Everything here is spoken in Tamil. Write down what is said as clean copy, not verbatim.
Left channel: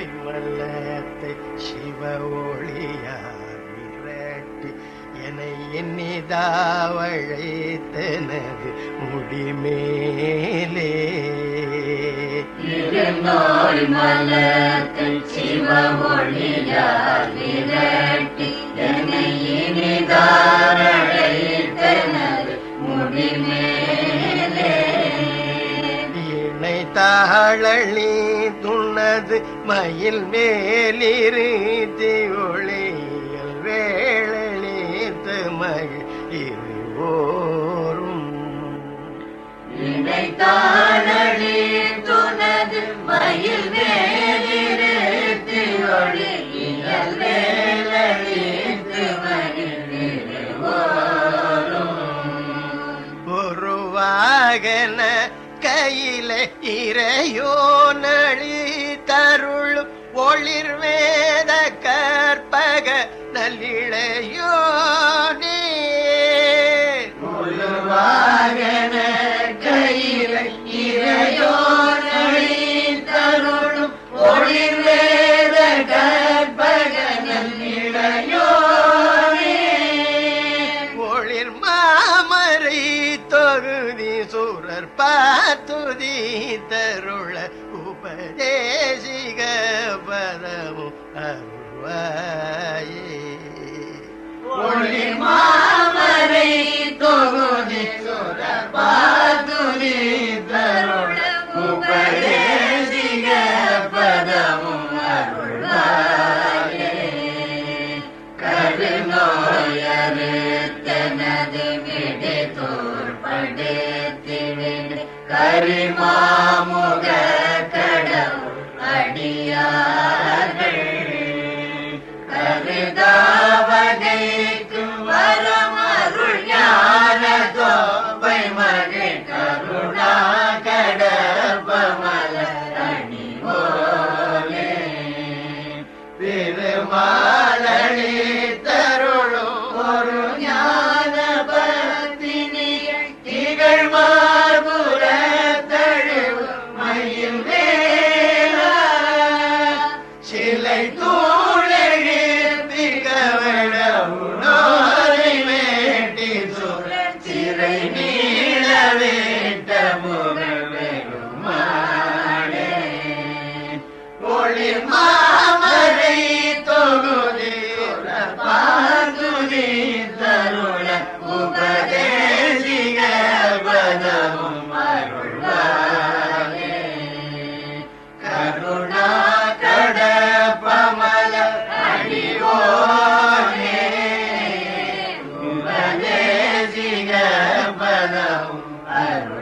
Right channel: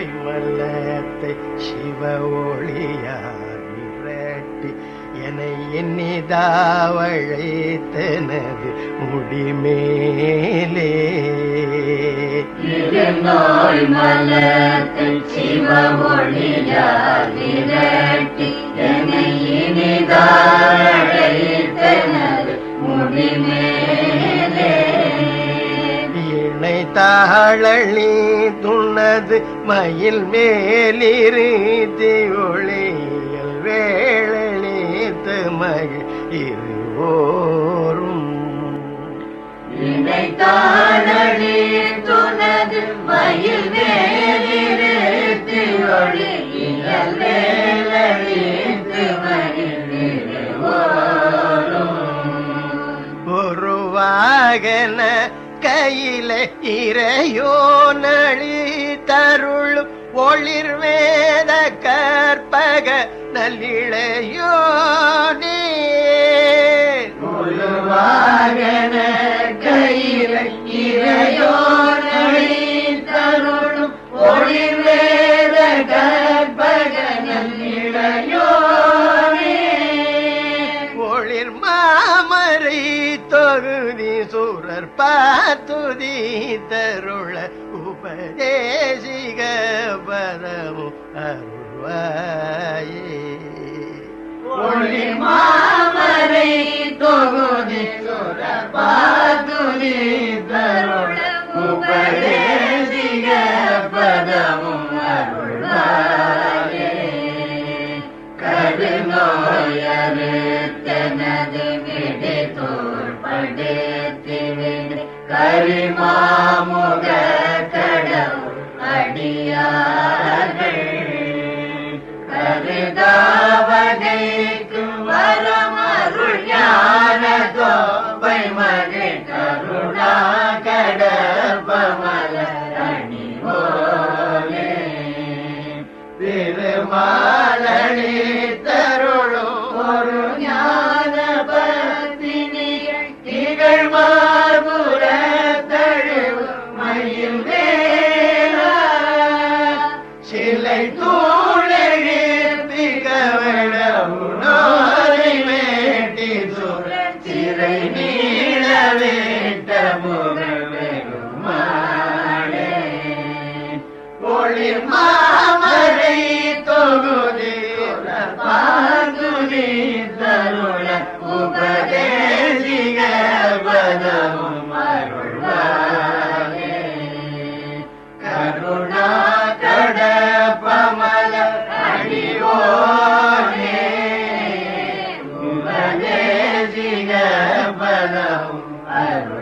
பொய்மல்லத்தை சிவ ஒளியார் விரட்டி என்னை எண்ணிதாவழைத்தனது முடிமேலே திருநோய் மலத்தை சிவ ஒளியார் விரட்டி என்னை எண்ணிதாவழைத்தனது முடிமேலே இணை தாழி துண்ணது மயில் மேலிருத்தி ஒளியல் வேளழித்து மகிழ் இருவோரும் இணை தாழி துண்ணது மயில் மேலிருத்தி ஒளியல் வேளழித்து மகிழ் இருவோரும் ஒருவாகன கையில இறையோ நளி தருளும் ஒளிர் வேத கற்பக நல்லிளையோனே ஒருவாகன கையில இறையோ நளி தருளும் ஒளிர் வேத கற்பக நல்லிளையோனே ஒளிர் மாமரை தொகுதி சூரர் பாத்துதி தருள உபதேசிக பதமும் அருள்வாயே ஒளிர் மாமரை தொகுதி சூரர் பாத்துதி தருள உபதேசிக பதமும் அருள்வாயே கருநோயரே தனது விடை தோற்படுத்திவிடு கரிமாமுக கடவுள் அடியார்கள் கவிதாவகைக்கும் வரமருள் ஞான தோப்பை மகிழ் கருணா கடற்பமல அணி போலே திருமாலி தருளும் ஒரு ஞான பத்தினிகள் திகழ் மார்புர தழுவு மயில் வேளா சிலை தூளெழுப்பி கவளமுனாரி வேட்டி சூழல் சிறை நீள வேட்ட முகல் பெருமாளே ஒளிர் மாமரை தொகுதி பாதுதி தருள உபதேசிக பதமும் அருள்வாயே கருணா கடப்பமல அடியோனே உபதேசிக பதமும் அருள்